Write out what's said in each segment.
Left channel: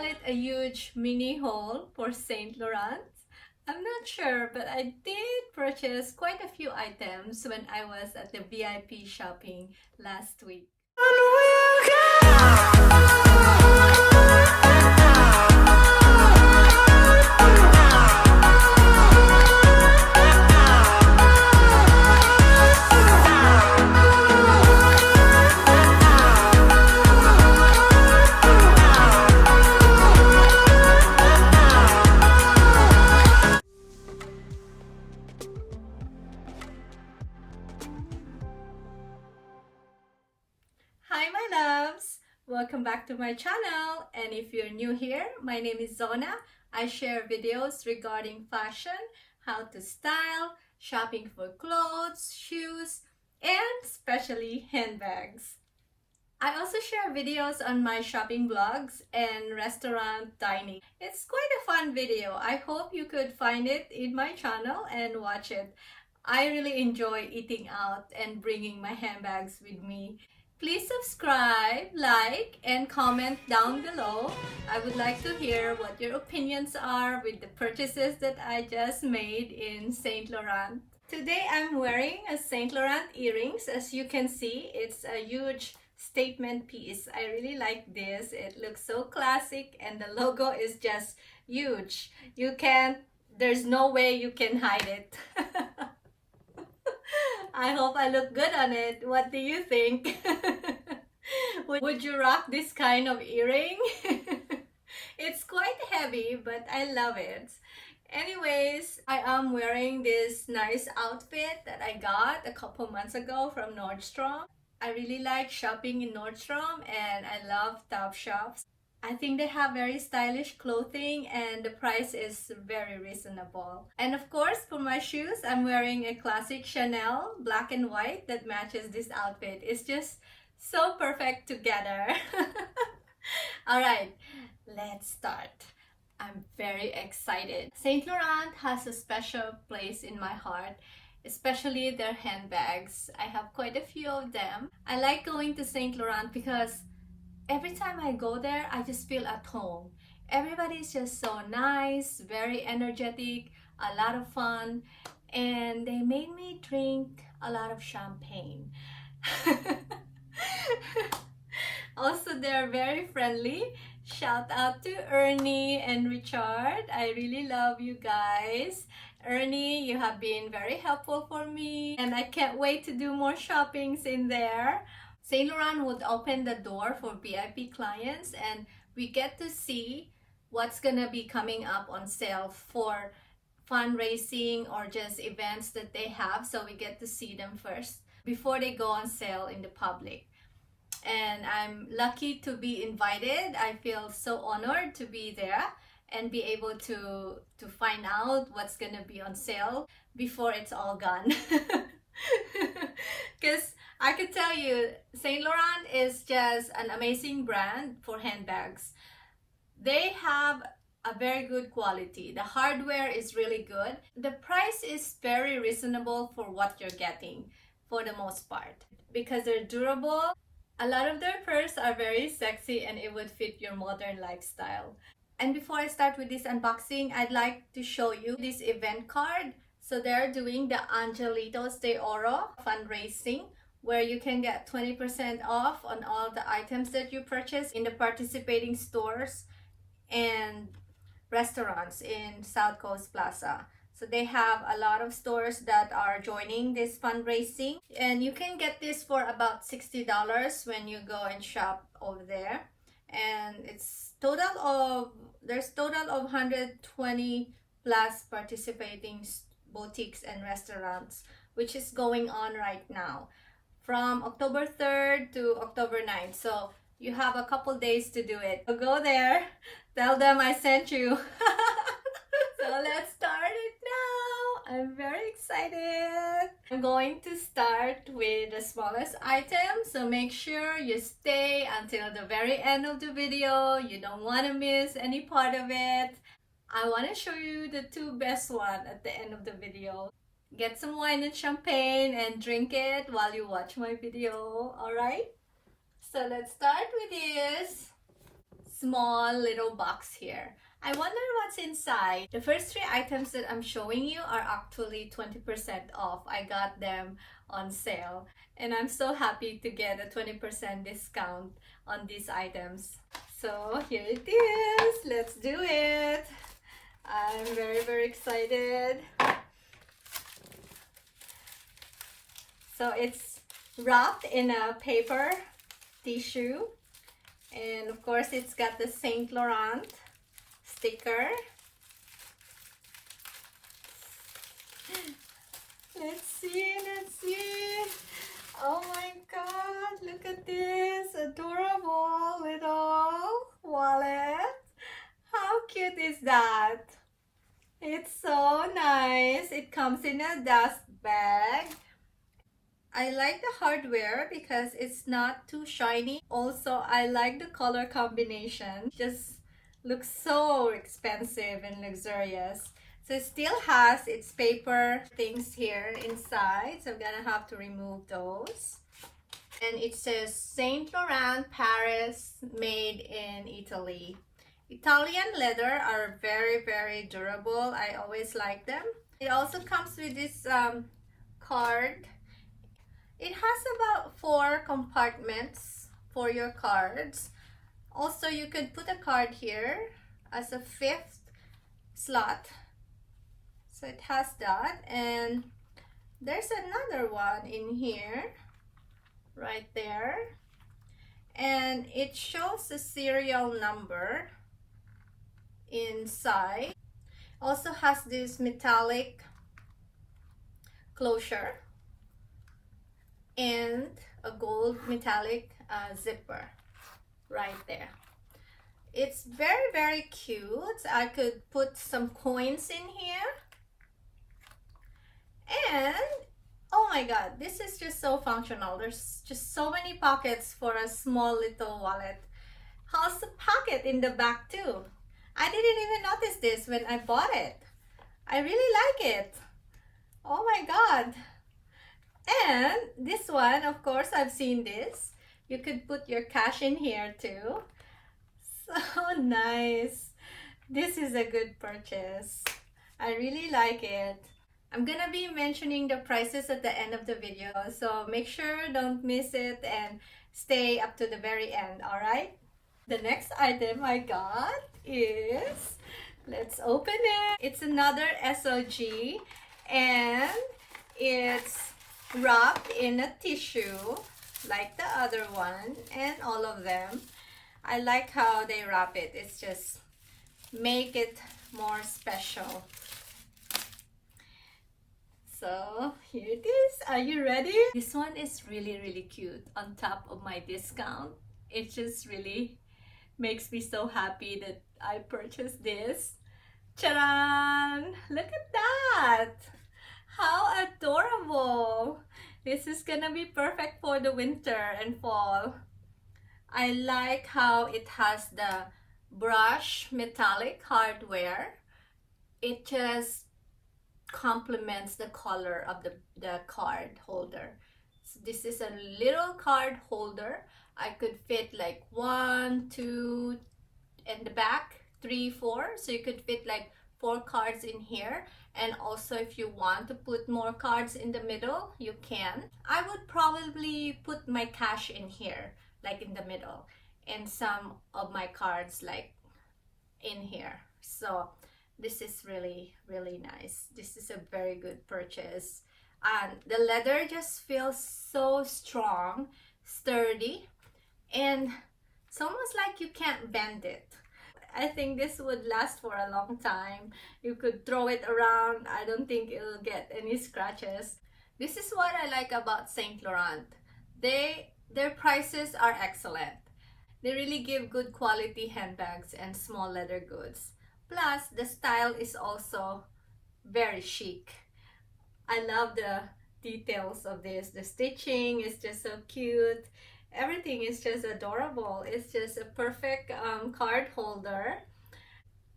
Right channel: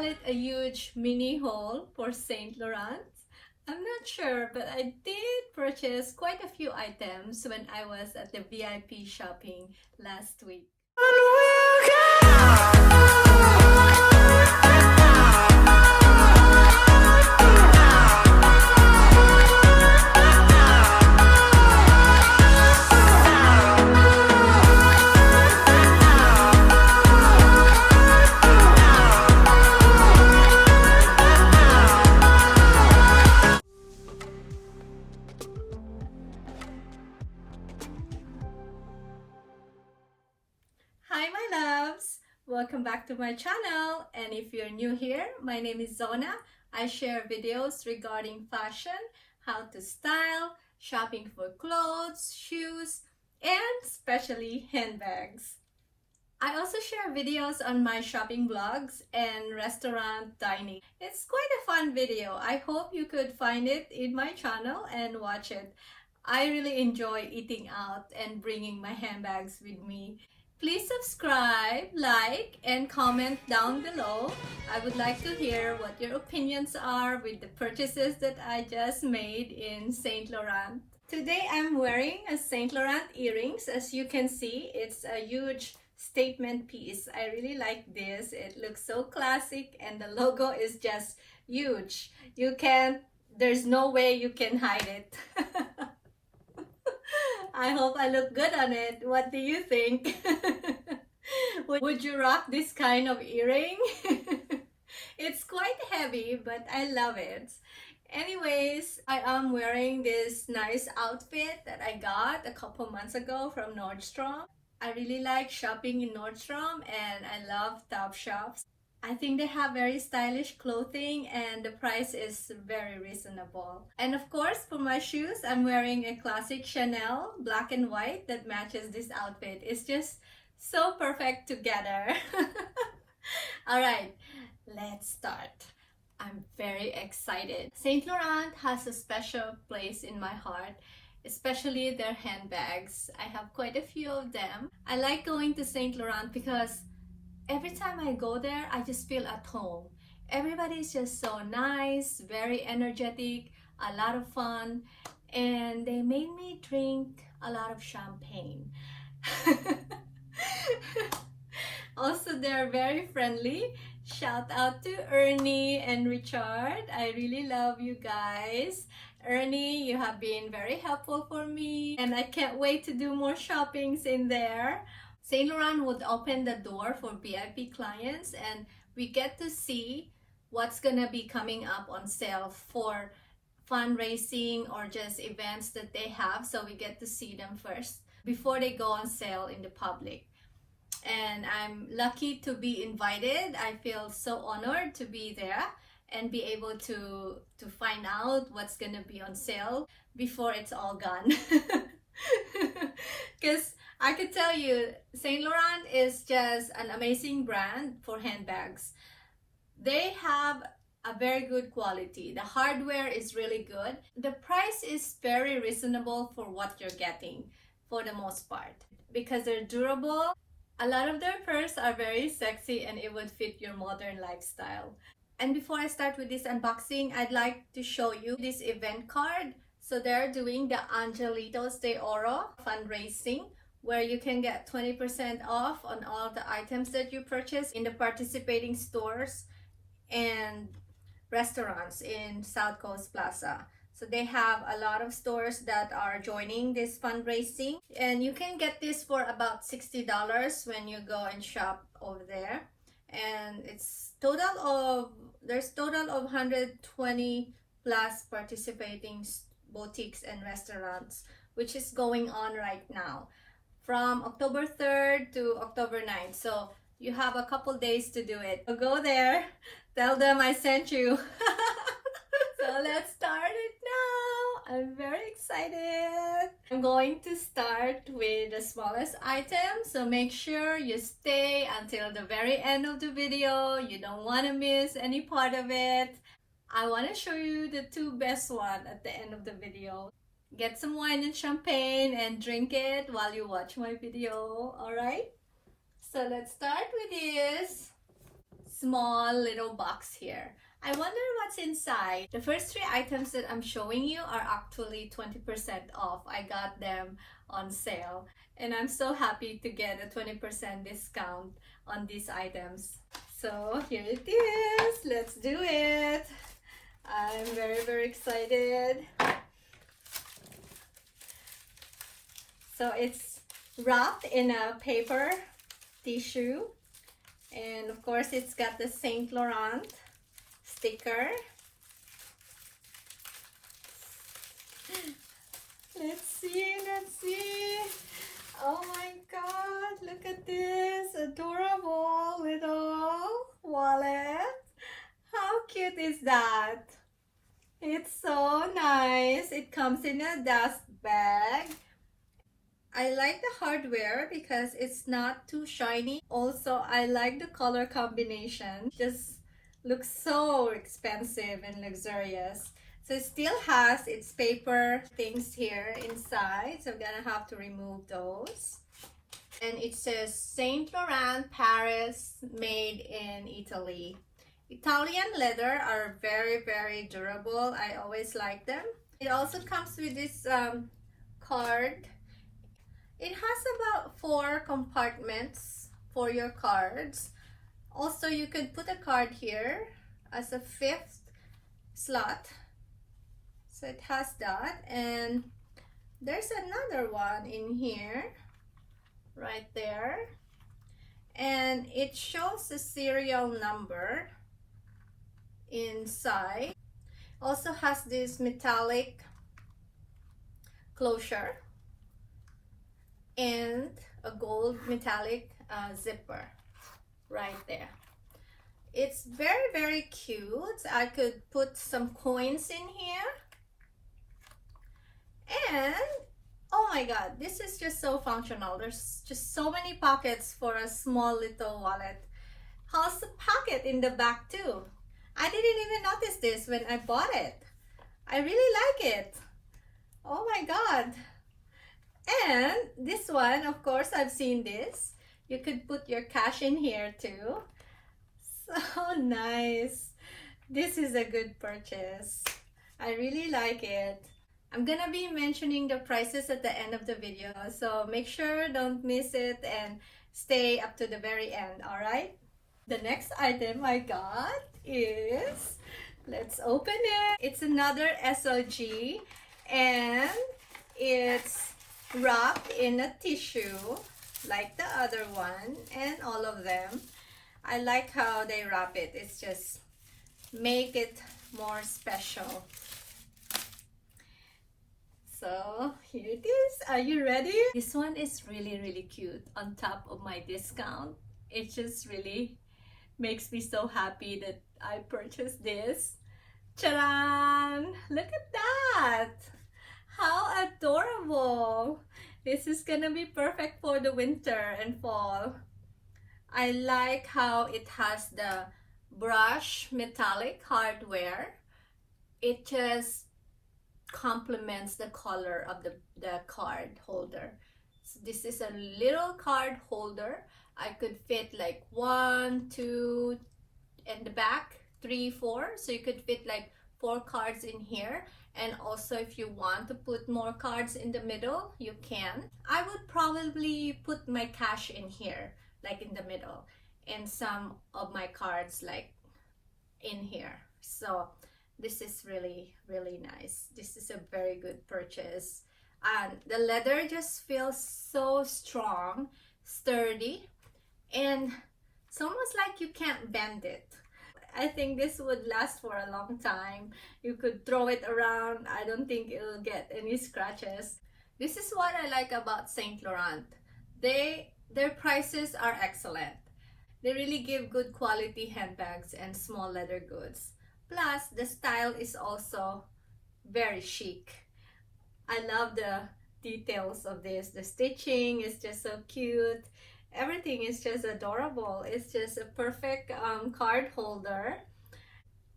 call it a huge mini haul for Saint Laurent? I'm not sure, but I did purchase quite a few items when I was at the VIP shopping last week. Hi my loves! Welcome back to my channel, and if you're new here, my name is Zona. I share videos regarding fashion, how to style, shopping for clothes, shoes, and especially handbags. I also share videos on my shopping vlogs and restaurant dining. It's quite a fun video. I hope you could find it in my channel and watch it. I really enjoy eating out and bringing my handbags with me. Please subscribe, like, and comment down below. I would like to hear what your opinions are with the purchases that I just made in Saint Laurent. Today I'm wearing a Saint Laurent earrings. As you can see, it's a huge statement piece. I really like this. It looks so classic and the logo is just huge. There's no way you can hide it. I hope I look good on it. What do you think? Would you rock this kind of earring? It's quite heavy, but I love it. Anyways, I am wearing this nice outfit that I got a couple months ago from Nordstrom. I really like shopping in Nordstrom and I love top shops. I think they have very stylish clothing and the price is very reasonable. And of course, for my shoes, I'm wearing a classic Chanel black and white that matches this outfit. It's just so perfect together. Alright, let's start. I'm very excited. Saint Laurent has a special place in my heart, especially their handbags. I have quite a few of them. I like going to Saint Laurent because every time I go there, I just feel at home. Everybody's just so nice, very energetic, a lot of fun, and they made me drink a lot of champagne. Also, they're very friendly. Shout out to Ernie and Richard. I really love you guys. Ernie, you have been very helpful for me, and I can't wait to do more shoppings in there. Saint Laurent would open the door for VIP clients and we get to see what's gonna be coming up on sale for fundraising or just events that they have, so we get to see them first before they go on sale in the public. And I'm lucky to be invited. I feel so honored to be there and be able to find out what's gonna be on sale before it's all gone. Because I could tell you, Saint Laurent is just an amazing brand for handbags. They have a very good quality. The hardware is really good. The price is very reasonable for what you're getting for the most part. Because they're durable, a lot of their furs are very sexy and it would fit your modern lifestyle. And before I start with this unboxing, I'd like to show you this event card. So they're doing the Angelitos de Oro fundraising, where you can get 20% off on all the items that you purchase in the participating stores and restaurants in South Coast Plaza. So they have a lot of stores that are joining this fundraising, and you can get this for about $60 when you go and shop over there. And there's total of 120 plus participating boutiques and restaurants, which is going on right now from October 3rd to October 9th. So you have a couple days to do it. So go there, tell them I sent you. So let's start it now. I'm very excited. I'm going to start with the smallest item, so make sure you stay until the very end of the video. You don't want to miss any part of it. I want to show you the two best ones at the end of the video. Get some wine and champagne and drink it while you watch my video, alright? So let's start with this. small little box here. I wonder what's inside. The first three items that I'm showing you are actually 20% off. I got them on sale and I'm so happy to get a 20% discount on these items. So here it is. Let's do it. I'm very excited. So it's wrapped in a paper tissue, and of course it's got the Saint Laurent sticker. Let's see. Oh my god, look at this adorable little wallet. How cute is that? It's so nice. It comes in a dust bag. I like the hardware because it's not too shiny. Also, I like the color combination. Just looks so expensive and luxurious. So it still has its paper things here inside. So I'm gonna have to remove those. And it says Saint Laurent Paris, made in Italy. Italian leather are very durable. I always like them. It also comes with this card. It has about 4 compartments for your cards. Also, you could put a card here as a 5th slot. So it has that, and there's another one in here, right there. And it shows the serial number inside. Also has this metallic closure and a gold metallic zipper right there. It's very cute. I could put some coins in here, and oh my god, this is just so functional. There's just so many pockets for a small little wallet. How's the pocket in the back too? I didn't even notice this when I bought it. I really like it. Oh my god. And this one, of course, I've seen this. You could put your cash in here too. So nice. This is a good purchase. I really like it. I'm gonna be mentioning the prices at the end of the video, so make sure don't miss it and stay up to the very end, alright? The next item I got is, let's open it. It's another SOG, and it's wrapped in a tissue like the other one and all of them. I like how they wrap it. It's just make it more special. So here it is. Are you ready? This one is really cute. On top of my discount, it just really makes me so happy that I purchased this. Charan! Look at that! How adorable! This is gonna be perfect for the winter and fall. I like how it has the brush metallic hardware. It just complements the color of the card holder. So this is a little card holder. I could fit like 1, 2 in the back, 3, 4. So you could fit like 4 cards in here. And also if you want to put more cards in the middle, you can. I would probably put my cash in here, like in the middle, and some of my cards like in here. So this is really nice. This is a very good purchase. And the leather just feels so strong, sturdy, and it's almost like you can't bend it. I think this would last for a long time. You could throw it around. I don't think it will get any scratches. This is what I like about Saint Laurent. Their prices are excellent. They really give good quality handbags and small leather goods. Plus, the style is also very chic. I love the details of this. The stitching is just so cute. Everything is just adorable. It's just a perfect card holder.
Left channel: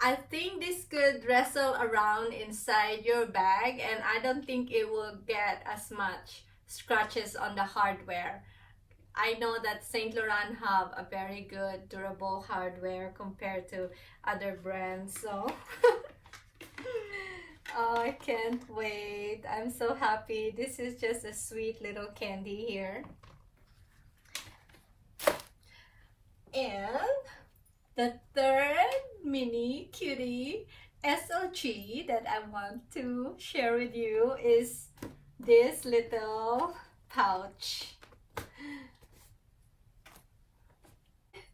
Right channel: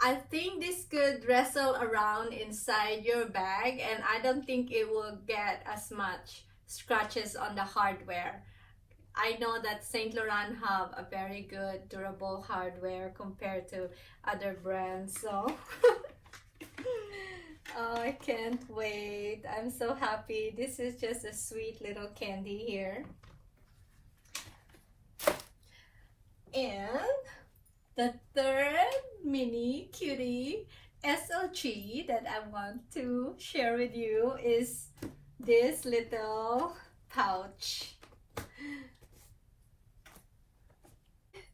I think this could wrestle around inside your bag, and I don't think it will get as much scratches on the hardware. I know that Saint Laurent have a very good durable hardware compared to other brands, so oh, I can't wait. I'm so happy. This is just a sweet little candy here. And the third mini cutie SOG that I want to share with you is this little pouch.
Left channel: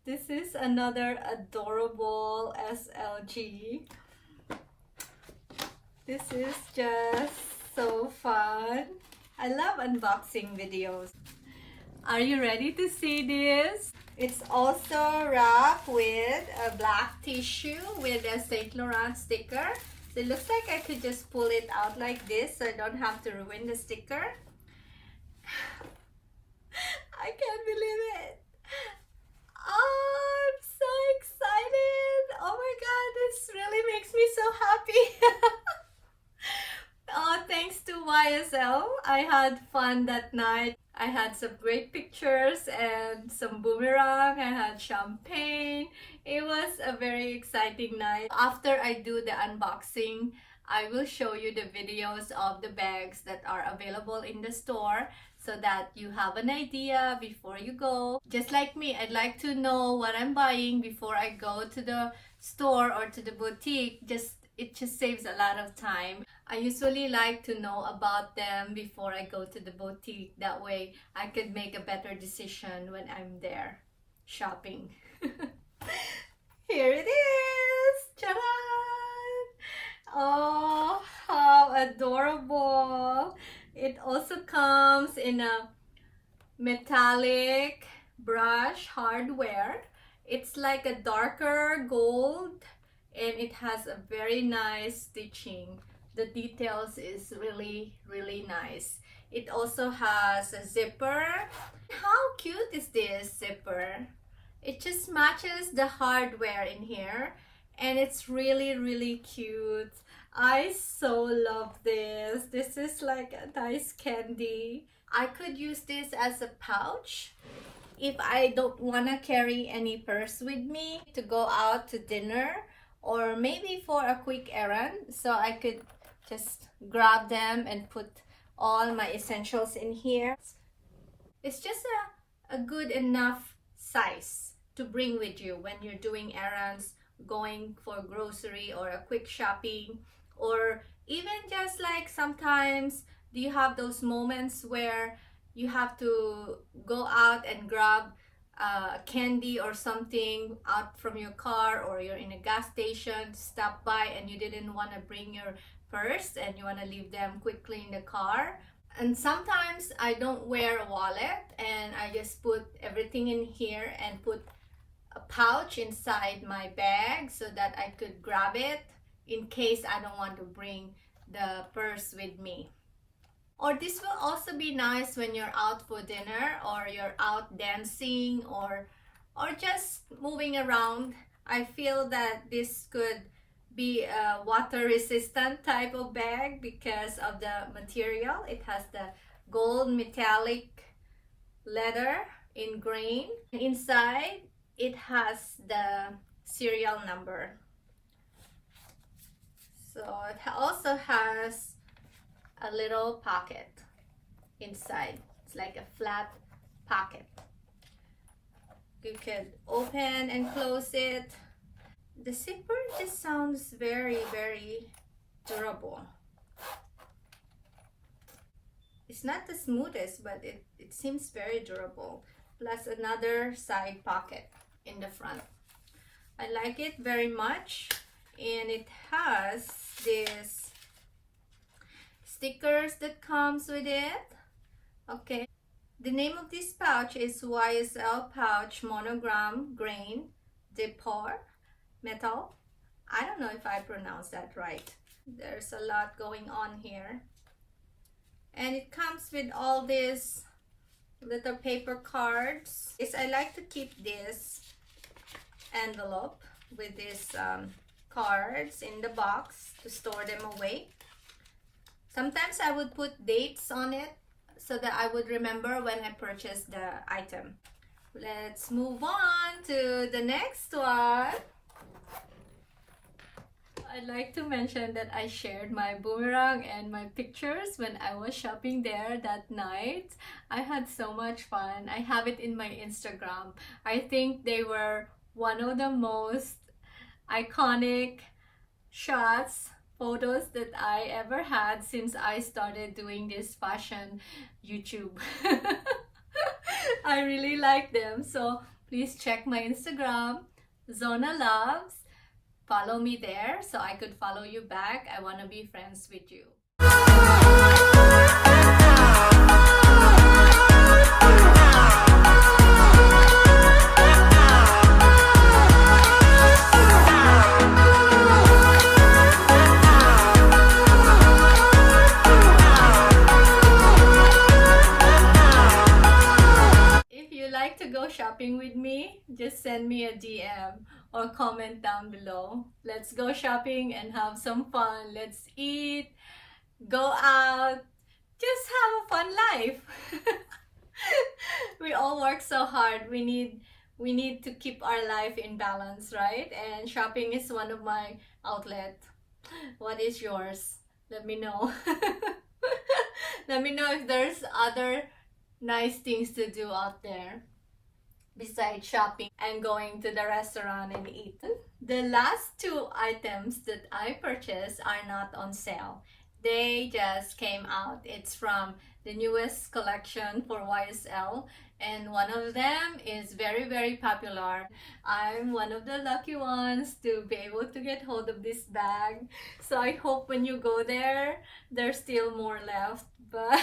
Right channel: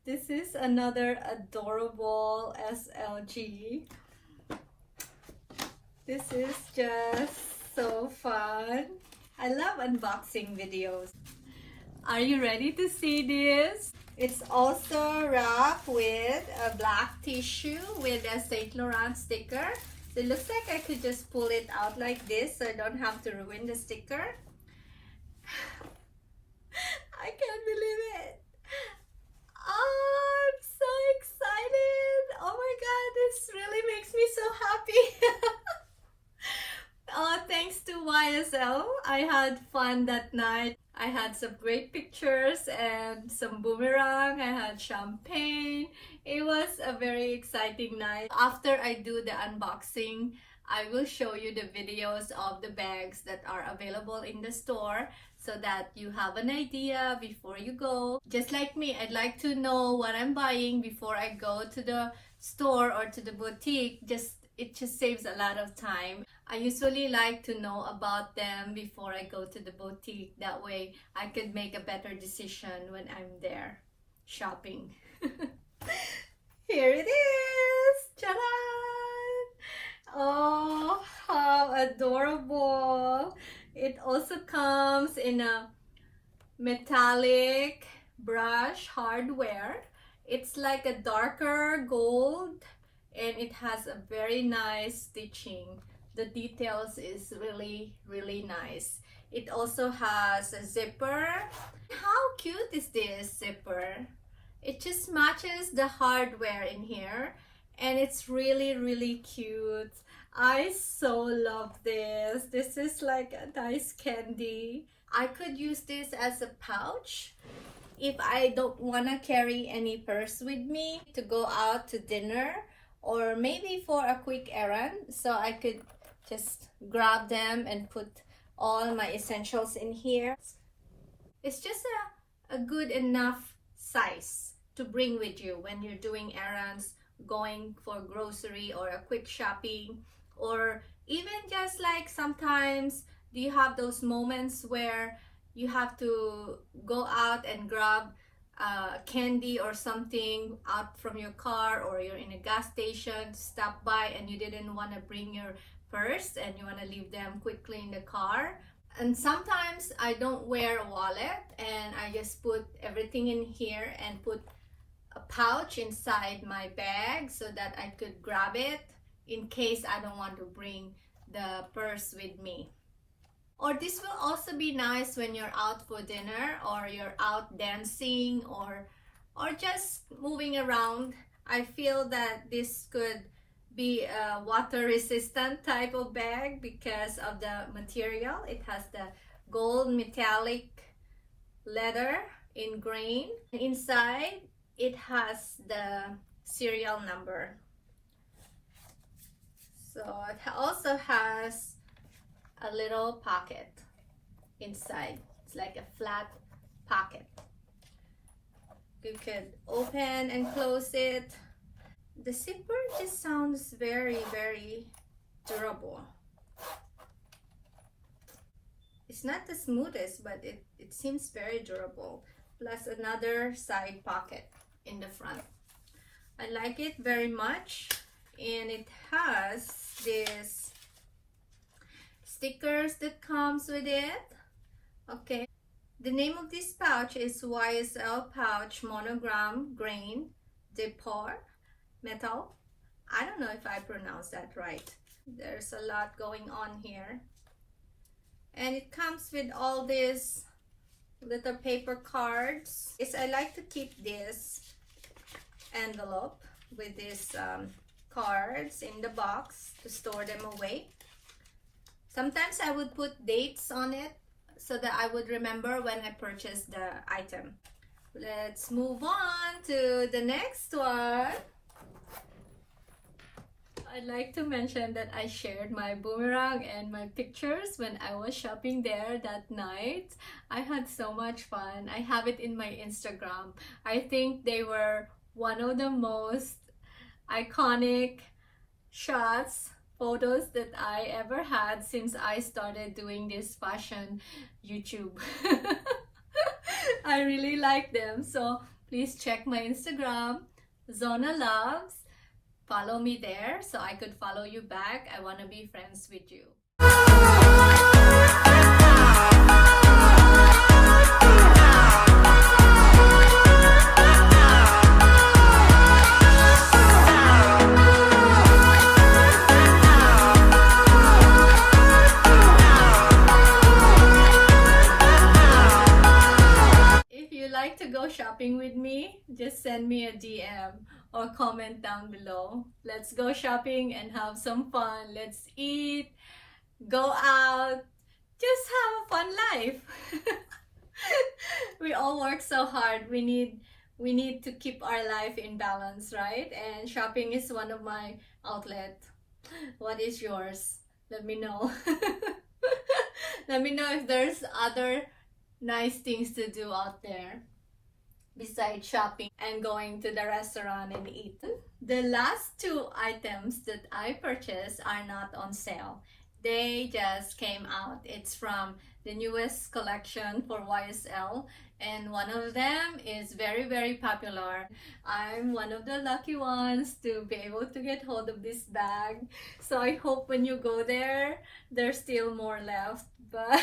This is another adorable SLG. This is just so fun. I love unboxing videos. Are you ready to see this? It's also wrapped with a black tissue with a Saint Laurent sticker. So it looks like I could just pull it out like this so I don't have to ruin the sticker. I can't believe it. Oh, I'm so excited. Oh my God, this really makes me so happy. Thanks to YSL, I had fun that night. I had some great pictures and some boomerang. I had champagne. It was a very exciting night. After I do the unboxing, I will show you the videos of the bags that are available in the store so that you have an idea before you go. Just like me, I'd like to know what I'm buying before I go to the store or to the boutique. It just saves a lot of time. I usually like to know about them before I go to the boutique. That way I could make a better decision when I'm there shopping. Here it is! Ta-da! Oh, how adorable! It also comes in a metallic brush hardware. It's like a darker gold and it has a very nice stitching. The details is really nice. It also has a zipper. How cute is this zipper? It just matches the hardware in here and it's really cute. I so love this. This is like a nice candy. I could use this as a pouch if I don't want to carry any purse with me to go out to dinner or maybe for a quick errand, so I could just grab them and put all my essentials in here. It's just a good enough size to bring with you when you're doing errands, going for grocery or a quick shopping, or even just like sometimes do you have those moments where you have to go out and grab candy or something out from your car, or you're in a gas station, stop by and you didn't want to bring your purse and you want to leave them quickly in the car. And sometimes I don't wear a wallet and I just put everything in here and put a pouch inside my bag so that I could grab it in case I don't want to bring the purse with me. Or this will also be nice when you're out for dinner or you're out dancing or just moving around. I feel that this could be a water resistant type of bag because of the material. It has the gold metallic leather in grain. Inside it has the serial number. So it also has a little pocket inside. It's like a flat pocket. You could open and close it. The zipper just sounds very durable. It's not the smoothest, but it seems very durable. Plus another side pocket in the front. I like it very much, and it has this stickers that comes with it. Okay, the name of this pouch is YSL pouch Monogram grain depot metal. I don't know if I pronounced that right. There's a lot going on here, and it comes with all these little paper cards. I like to keep this envelope with these cards in the box to store them away. Sometimes I would put dates on it so that I would remember when I purchased the item. Let's move on to the next one. I'd like to mention that I shared my boomerang and my pictures when I was shopping there that night. I had so much fun. I have it in my Instagram. I think they were one of the most iconic photos that I ever had since I started doing this fashion YouTube. I really like them, so please check my Instagram, Zona Loves. Follow me there so I could follow you back. I want to be friends with you. If you like to go shopping with me, just send me a DM or comment down below. Let's go shopping and have some fun. Let's eat, go out, just have a fun life. We all work so hard. We need to keep our life in balance, right? And shopping is one of my outlets. What is yours? Let me know. Let me know if there's other nice things to do out there besides shopping and going to the restaurant and eat. The last two items that I purchased are not on sale. They just came out. It's from the newest collection for YSL, and one of them is very, very popular. I'm one of the lucky ones to be able to get hold of this bag. So I hope when you go there, there's still more left. But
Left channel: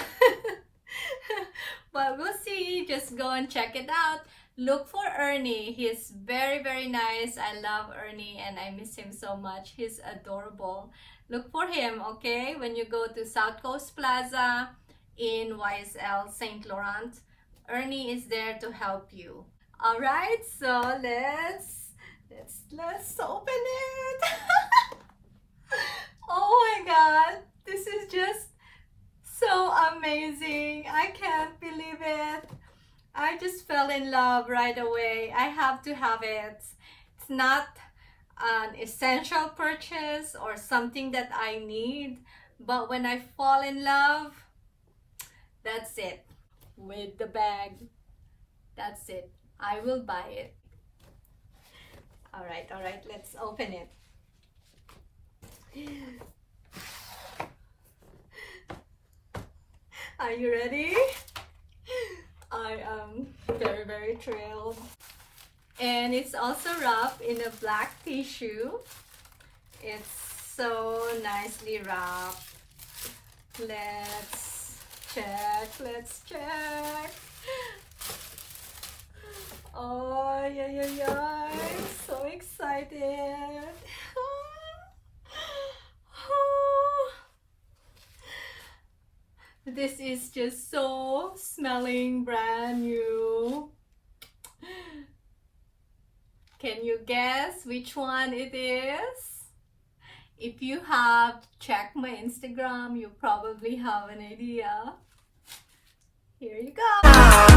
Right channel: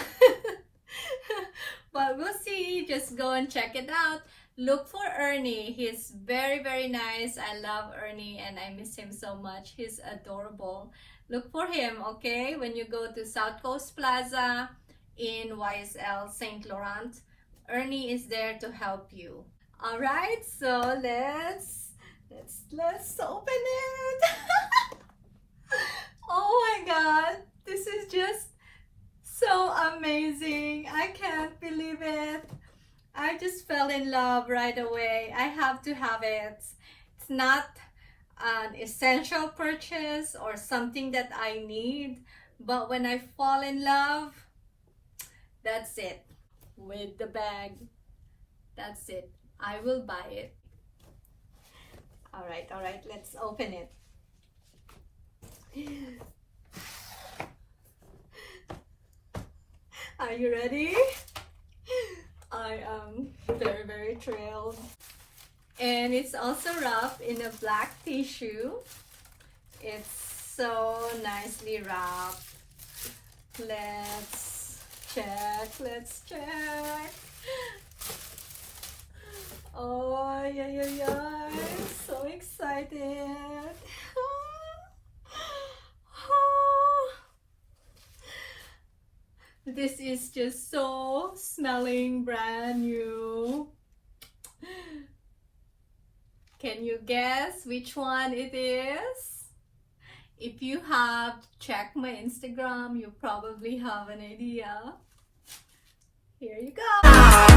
but we'll see. Just go and check it out. Look for Ernie. He's very, very nice. I love Ernie and I miss him so much. He's adorable. Look for him, okay? When you go to South Coast Plaza in YSL St. Laurent, Ernie is there to help you. All right, so let's open it. Oh my God, this is just so amazing. I can't believe it. I just fell in love right away. I have to have it. It's not an essential purchase or something that I need, but when I fall in love, that's it. With the bag, that's it. I will buy it. All right, let's open it. Are you ready? I am very, very thrilled. And it's also wrapped in a black tissue. It's so nicely wrapped. Let's check. Oh, yeah. I'm so excited. This is just so smelling brand new. Can you guess which one it is? If you have checked my Instagram, you probably have an idea. Here you go.